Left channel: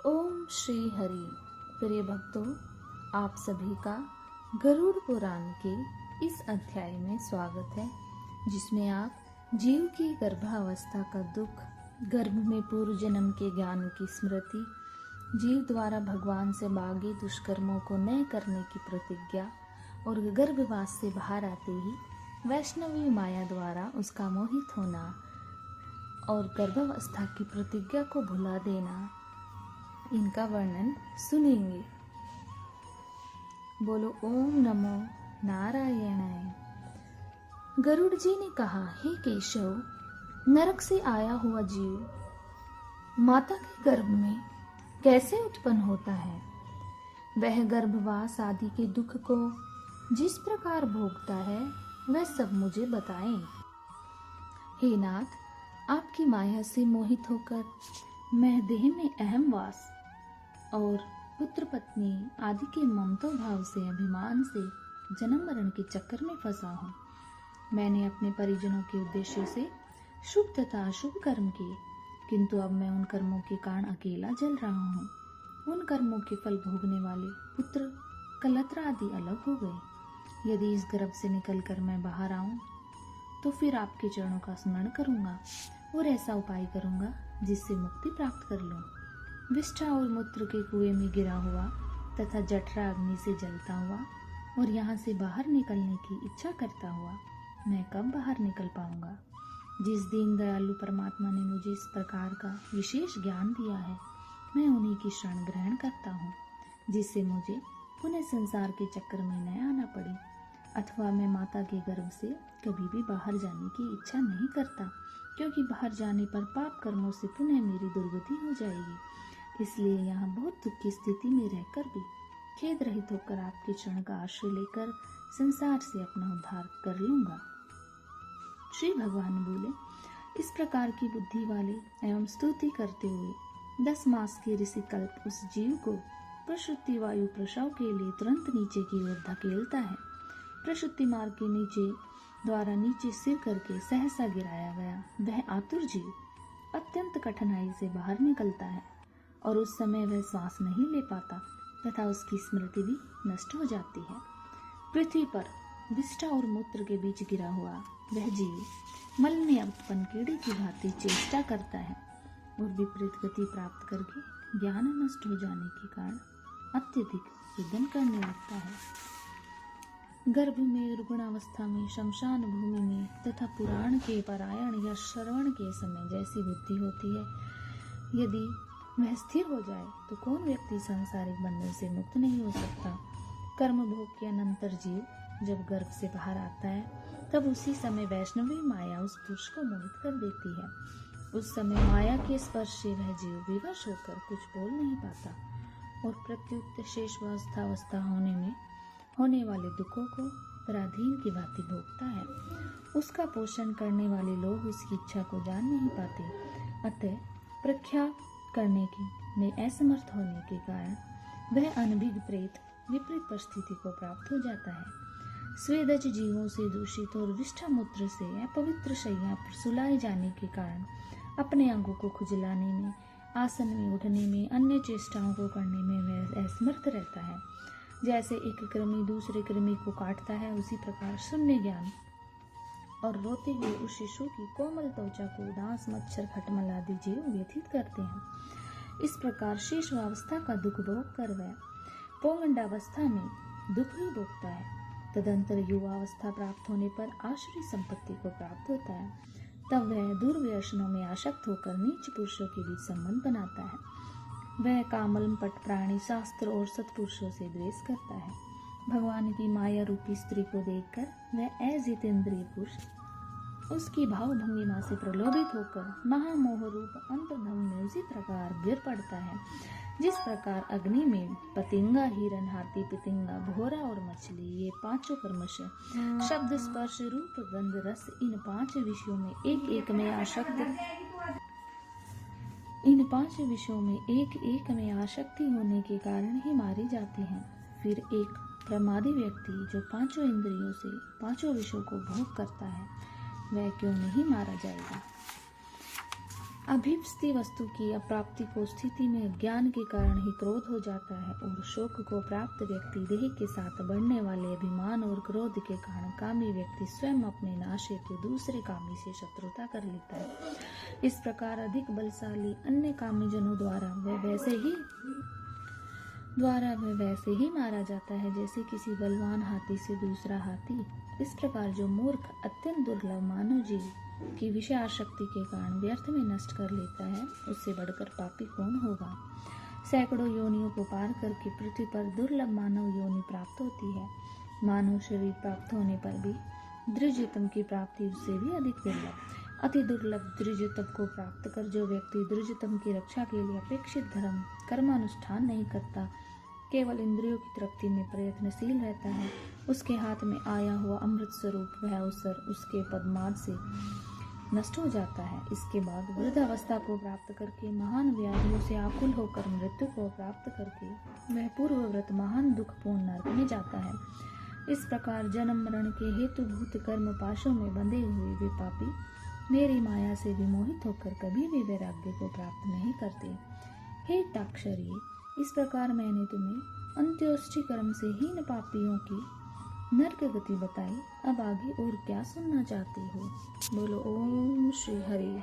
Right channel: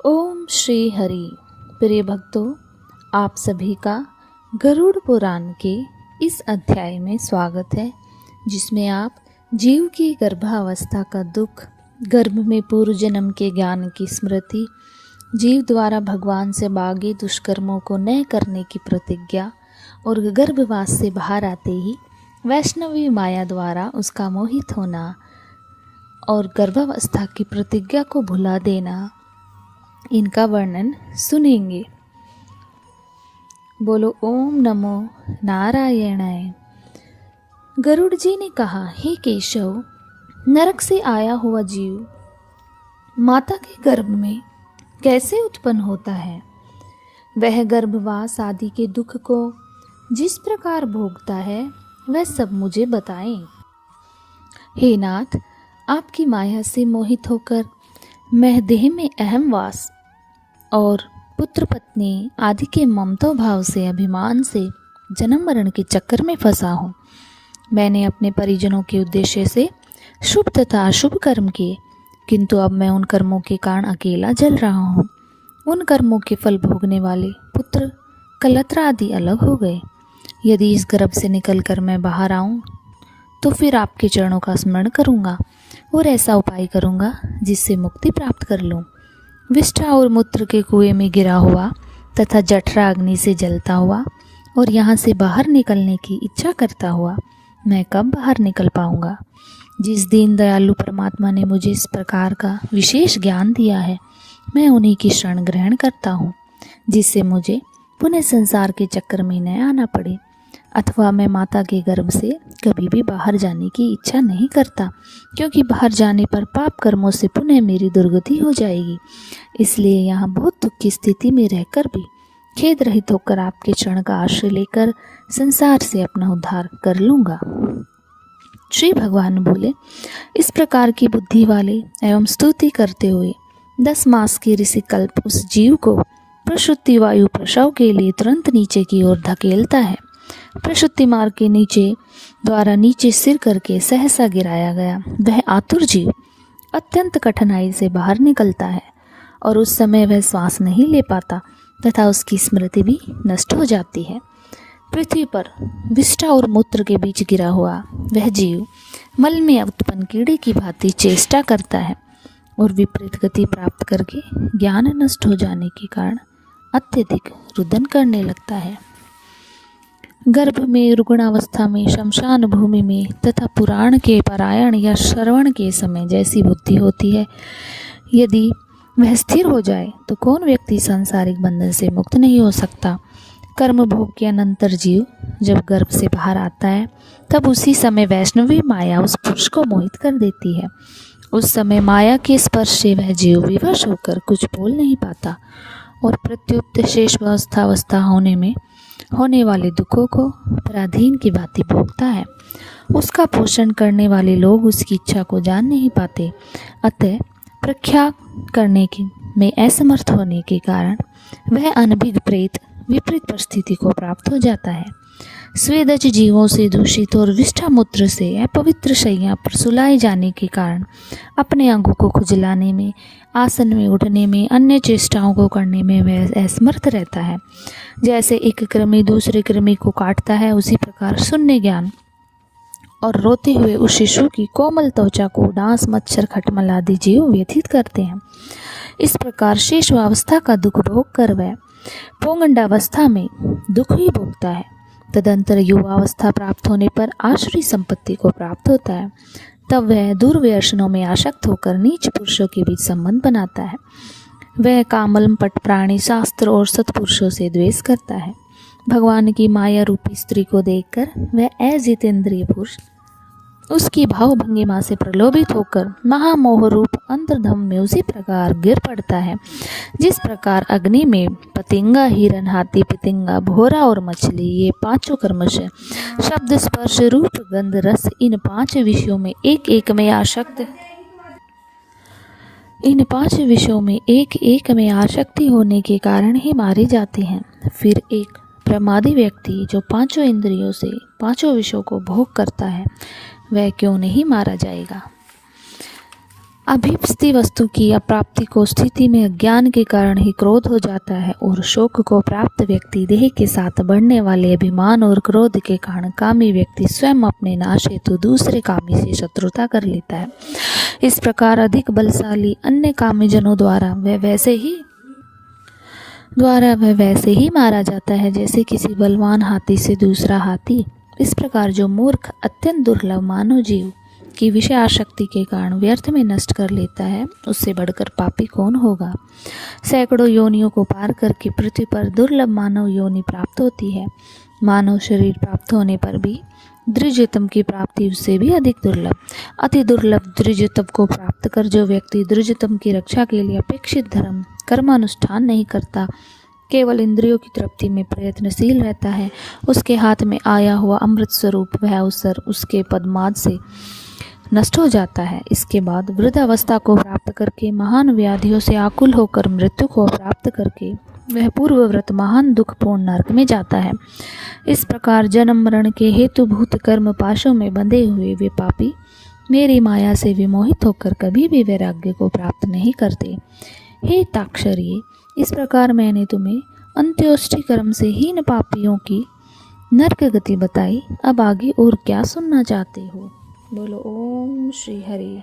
ओम श्री हरि। प्रिय भक्तों, आप सभी का गरुड़ पुराण के इस अध्याय में स्वागत है, जिसमें आप जीव की गर्भावस्था का दुख, गर्भ में पूर्व जन्म के ज्ञान की स्मृति, जीव द्वारा भगवान से मांगे दुष्कर्मों को न करने की प्रतिज्ञा और गर्भवास से बाहर आते ही वैष्णवी माया द्वारा उसका मोहित होना और गर्भावस्था की प्रतिज्ञा को भुला देना, इनका वर्णन सुनेंगे। बोलो ओम नमो नारायणाय। गरुड़ जी ने कहा, हे केशव, नरक से आया हुआ जीव माता के गर्भ में कैसे उत्पन्न होता है? वह गर्भवास आदि के दुख को जिस प्रकार भोगता है वह सब मुझे बताएं। हे नाथ, आपकी माया से मोहित होकर मैं देह में अहम वास और पुत्र पत्नी आदि के ममता भाव से अभिमान से जन्म मरण के चक्कर में फंसा हूँ। मैंने अपने परिजनों के उद्देश्य से शुभ तथा अशुभ कर्म किए, किंतु अब मैं उन कर्मों के कारण अकेला जल रहा हूँ। उन कर्मों के फल भोगने वाले पुत्र कलत्र आदि अलग हो गए। यदि इस गर्भ से निकलकर मैं बाहर आऊँ तो फिर आपके चरणों का स्मरण करूँगा और ऐसा उपाय करूँगा जिससे मुक्ति प्राप्त कर लूँ। विष्ठा और मूत्र के कुएं में गिरा हुआ तथा जठरा अग्नि से जलता हुआ और यहाँ से बाहर निकलने की इच्छा करता हुआ मैं कब बाहर निकल पाऊँगा? जिस दीन दयालु परमात्मा ने मुझे इस प्रकार का विशेष ज्ञान दिया है, मैं उन्हीं की शरण ग्रहण करता हूँ, जिससे मुझे पुनः संसार के चक्कर में न आना पड़े, अथवा मैं माता के गर्भ से कभी भी बाहर जाने की इच्छा नहीं करता, क्योंकि बाहर जाने पर पाप कर्मों से पुनः मेरी दुर्गति हो जाएगी। इसलिए यहाँ बहुत दुख की स्थिति में रहकर भी खेद रहित होकर आपके चरण का आश्रय लेकर संसार से अपना उद्धार कर लूँगा। श्री भगवान बोले, इस प्रकार की बुद्धि वाले एवं स्तुति करते हुए 10 मास के ऋषिकल्प उस जीव को प्रसूति वायु प्रसव के लिए तुरंत नीचे की ओर धकेलता है। प्रसूति मार्ग के द्वारा नीचे सिर करके सहसा गिराया गया वह आतुर जीव अत्यंत कठिनाई से बाहर निकलता है और उस समय वह श्वास नहीं ले पाता तथा उसकी स्मृति भी नष्ट हो जाती है। पृथ्वी पर विष्ठा और मूत्र के बीच गिरा हुआ वह जीव मल में उत्पन्न कीड़े की भांति चेष्टा करता है और विपरीत गति प्राप्त करके ज्ञान नष्ट हो जाने के कारण अत्यधिक रुदन करने लगता है। गर्भ में, रुग्णावस्था में, शमशान भूमि में तथा पुराण के पारायण या श्रवण के समय जैसी बुद्धि होती है, यदि वह स्थिर हो जाए तो कौन व्यक्ति सांसारिक बंधन से मुक्त नहीं हो सकता। कर्म भोग के अनंतर जीव जब गर्भ से बाहर आता है, तब उसी समय वैष्णवी माया उस पुरुष को मोहित कर देती है। उस समय माया के स्पर्श से वह जीव विवश होकर कुछ बोल नहीं पाता और प्रत्युत शेष अवस्था होने वाले दुखों को पराधीन की भांति भोगता है। उसका पोषण करने वाले लोग उसकी इच्छा को जान नहीं पाते, अतः प्रख्या करने में असमर्थ होने के कारण वह अनभिज्ञ प्रेत विपरीत परिस्थिति को प्राप्त हो जाता है। स्वेदज जीवों से दूषित और विष्ठा मूत्र से अपवित्र शैया पर सुलाए जाने के कारण अपने अंगों को खुजलाने में, आसन में उठने में, अन्य चेष्टाओं को करने में वह असमर्थ रहता है। जैसे एक कृमि दूसरे कृमि को काटता है, उसी प्रकार शून्य ज्ञान और रोते हुए उस शिशु की कोमल त्वचा को डांस, मच्छर, खटमल आदि जीव व्यथित करते हैं। इस प्रकार शेष अवस्था का दुख भोग कर वह पौगंडावस्था में दुख ही भोगता है। तदंतर युवावस्था प्राप्त होने पर आसुरी संपत्ति को प्राप्त होता है। तब वह दुर्व्यसनों में आसक्त होकर नीच पुरुषों के बीच संबंध बनाता है। वह कामल पट प्राणी, शास्त्र और सत्पुरुषों से द्वेष करता है। भगवान की माया रूपी स्त्री को देखकर वह अजितेंद्रिय पुरुष उसकी भाव भंगिमा से प्रलोभित होकर महामोह रूप अंतर्धम में उसी प्रकार गिर पड़ता है, जिस प्रकार अग्नि में पतिंगा, हिरण, हाथी, पितिंगा, भोरा और मछली, ये 5 कर्मश शब्द, स्पर्श, रूप, गंध, रस, इन 5 विषयों में एक एक में आसक्ति होने के कारण ही मारे जाते हैं। फिर एक प्रमादी व्यक्ति जो 5 इंद्रियों से 5 विषयों को भोग करता है, वह क्यों नहीं मारा जाएगा? अभीप्सित वस्तु की अप्राप्ति को स्थिति में अज्ञान के कारण ही क्रोध हो जाता है और शोक को प्राप्त व्यक्ति देह के साथ बढ़ने वाले अभिमान और क्रोध के कारण कामी व्यक्ति स्वयं अपने नाश हेतु दूसरे कामी से शत्रुता कर लेता है। इस प्रकार अधिक बलशाली अन्य कामीजनों द्वारा वह वैसे ही मारा जाता है जैसे किसी बलवान हाथी से दूसरा हाथी। इस प्रकार जो मूर्ख अत्यंत दुर्लभ मानव जीव की विषय आसक्ति के कारण व्यर्थ में नष्ट कर लेता है, उससे बढ़कर पापी कौन होगा। सैकड़ों योनियों को पार करके पृथ्वी पर दुर्लभ मानव योनि प्राप्त होती है। मानव शरीर प्राप्त होने पर भी द्विजतम की प्राप्ति उससे भी अधिक दुर्लभ, अति दुर्लभ द्विजतम को प्राप्त कर जो व्यक्ति द्विजतम की रक्षा के लिए अपेक्षित धर्म कर्मानुष्ठान नहीं करता, केवल इंद्रियों की तृप्ति में प्रयत्नशील रहता है, उसके हाथ में आया हुआ अमृत स्वरूप वह अवसर उसके पद्माद से नष्ट हो जाता है। इसके बाद वृद्धावस्था को प्राप्त करके महान व्याधियों से आकुल होकर मृत्यु को प्राप्त करके वह पूर्वव्रत महान दुखपूर्ण नरक में जाता है। इस प्रकार जन्म मरण के हेतुभूत कर्म पाशों में बंधे हुए वे पापी मेरी माया से विमोहित होकर कभी भी वैराग्य को प्राप्त नहीं करते। हे ताक्षरी, इस प्रकार मैंने तुम्हें अंत्योष्टि कर्म से हीन पापियों की नरक गति बताई। अब आगे और क्या सुनना चाहते हो? बोलो ओम श्री हरि।